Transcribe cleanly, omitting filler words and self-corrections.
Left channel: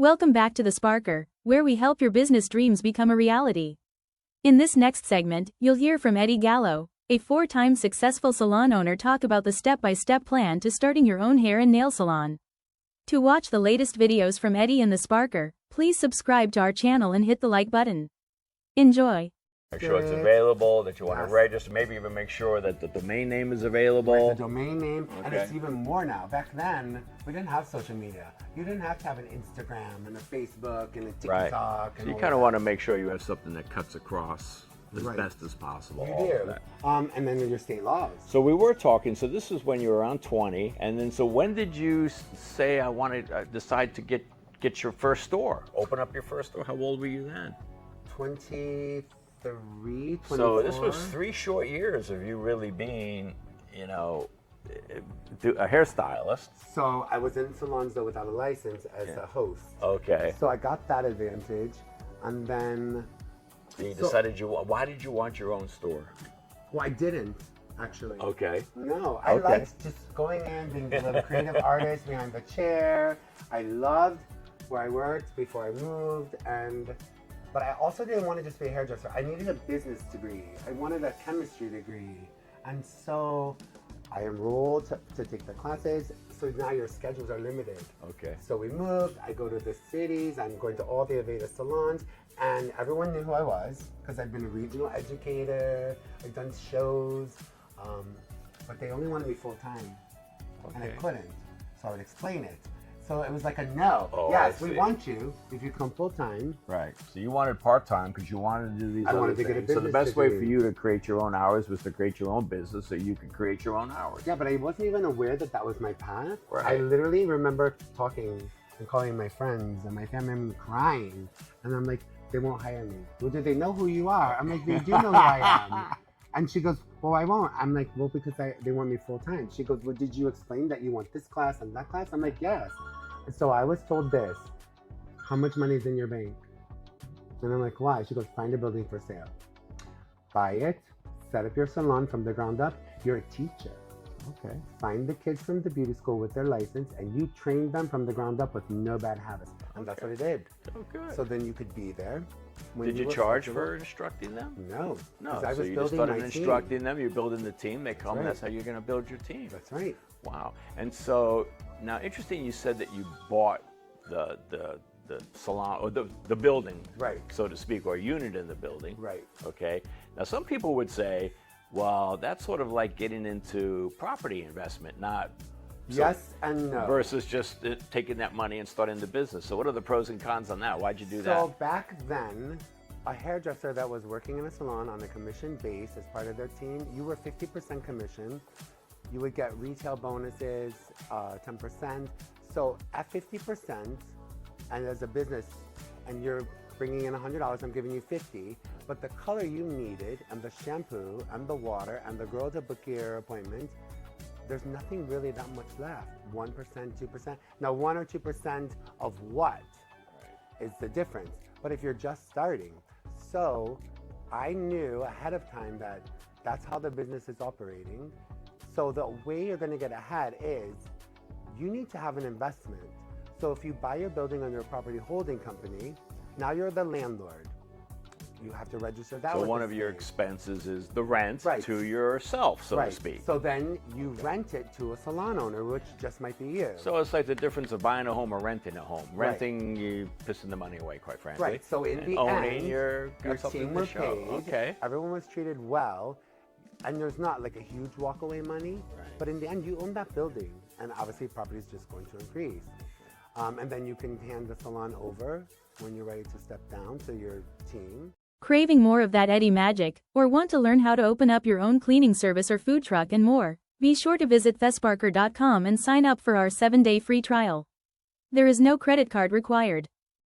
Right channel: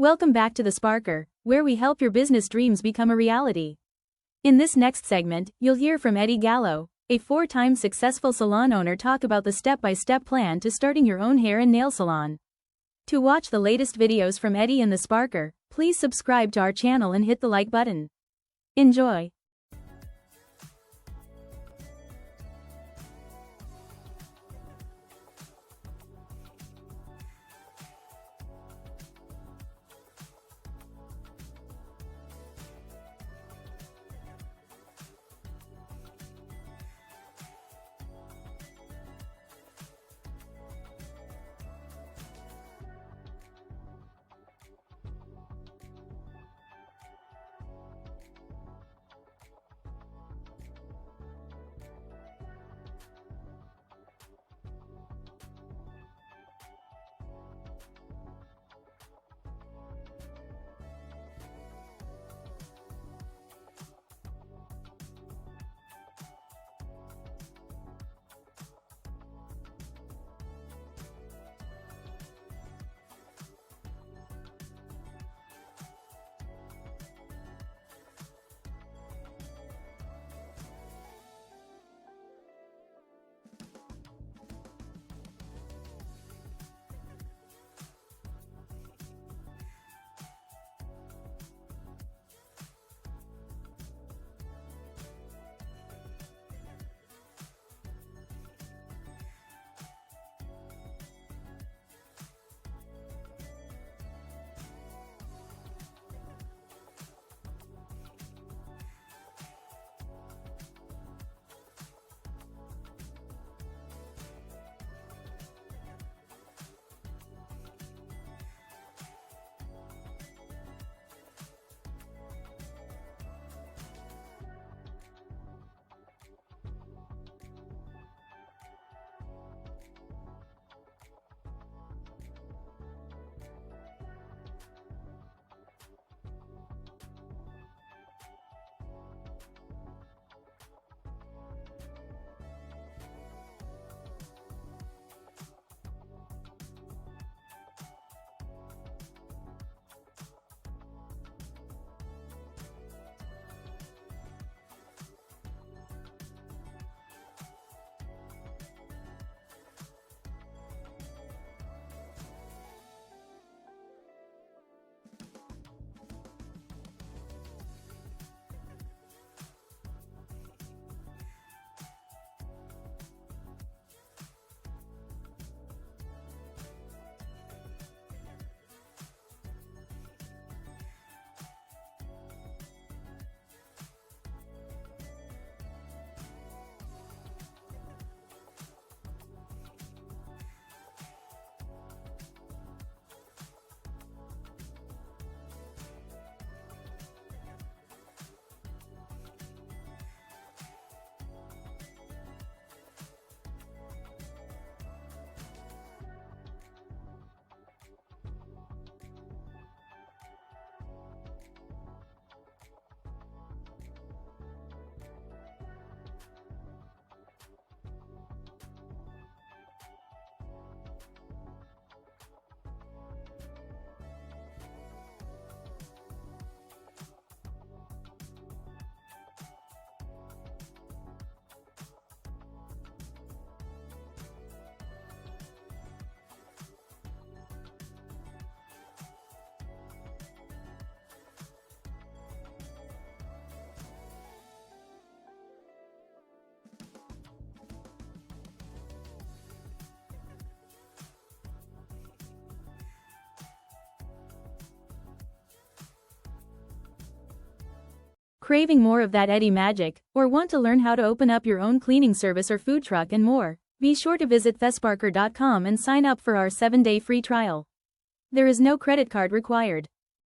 Welcome back to The Sparker, where we help your business dreams become a reality. In this next segment, you'll hear from Eddie Gallo, a four-time successful salon owner, talk about the step-by-step plan to starting your own hair and nail salon. To watch the latest videos from Eddie and The Sparker, please subscribe to our channel and hit the like button. Enjoy. Make sure it's available, that you want to register, maybe even make sure that the domain name is available. The domain name, and it's even more now. Back then, we didn't have social media. You didn't have to have an Instagram and a Facebook and a TikTok. Right. And So you all kind of that. want to make sure you have something that cuts across as Right. best as possible. You all of do. that. And then your state laws. So we were talking, so this is when you were around 20, and then so when did you say I wanted, decide to get your first store? Open up your first store? How old were you then? 23, 24. So this was 3 short years of you really being, you know, a hairstylist. So I was in salons though without a license as a host. Okay. So I got that advantage, and then. So you decided why did you want your own store? Well, I didn't actually. Okay. No, I Okay. liked just going in, being a little creative artist behind the chair. I loved where I worked before I moved, but I also didn't want to just be a hairdresser. I needed a business degree. I wanted a chemistry degree, and so I enrolled to take the classes. So now your schedules are limited. Okay. So we moved. I go to the cities. I'm going to all the Aveda salons. And everyone knew who I was because I've been a regional educator, I've done shows, but they only wanted me full time, and I couldn't. So I would explain it. So it was like a no. Oh, yes, I we see. want you if you come full time. Right. So you wanted part-time because you wanted to do these I other wanted to get a things. So the business best way for degree. you to create your own hours was to create your own business so you could create your own hours. Yeah, but I wasn't even aware that that was my path. Right. I literally remember talking and calling my friends and my family and crying, and I'm like, they won't hire me. Well, do they know who you are? I'm like, they do know who I am. And she goes, well, I won't. I'm like, well, because they want me full time. She goes, well, did you explain that you want this class and that class? I'm like, yes. And so I was told this, how much money is in your bank? And I'm like, why? She goes, find a building for sale. Buy it, set up your salon from the ground up. You're a teacher. Okay. Find the kids from the beauty school with their license, and you train them from the ground up with no bad habits. And that's what I did. Oh, good. So then you could be there. when Did you were charge flexible. for instructing them? No. No. 'Cause I So was you just building started my team. instructing them. You're building the team. They come. Right. That's how you're going to build your team. That's right. Wow. And so now, interesting. You said that you bought the salon or the building, Right. so to speak, or a unit in the building. Right. Okay. Now, some people would say, well, that's sort of like getting into property investment, not Yes and no. versus just taking that money and starting the business. So what are the pros and cons on that? Why'd you do that? So back then, a hairdresser that was working in a salon on a commission base as part of their team, you were 50% commission. You would get retail bonuses, 10%. So at 50%, and as a business, and you're bringing in $100, I'm giving you 50. But the color you needed, and the shampoo, and the water, and the girl to book your appointment, there's nothing really that much left. 1%, 2%. Now, 1 or 2% of what is the difference? But if you're just starting, so I knew ahead of time that that's how the business is operating. So the way you're going to get ahead is you need to have an investment. So if you buy your building under a property holding company, now you're the landlord. You have to register that. So with one the of your state. expenses is the rent Right. to yourself, so Right. to speak. So then you rent it to a salon owner, which just might be you. So it's like the difference of buying a home or renting a home. Right. Renting, you pissing the money away, quite frankly. Right. So in And the owning, end, you're got your something team to were show. paid. Okay. Everyone was treated well, and there's not like a huge walkaway money. Right. But in the end, you own that building, and obviously, property is just going to increase. And then you can hand the salon over when you're ready to step down to your team. Craving more of that Eddie magic, or want to learn how to open up your own cleaning service or food truck and more? Be sure to visit thesparker.com and sign up for our 7-day free trial. There is no credit card required.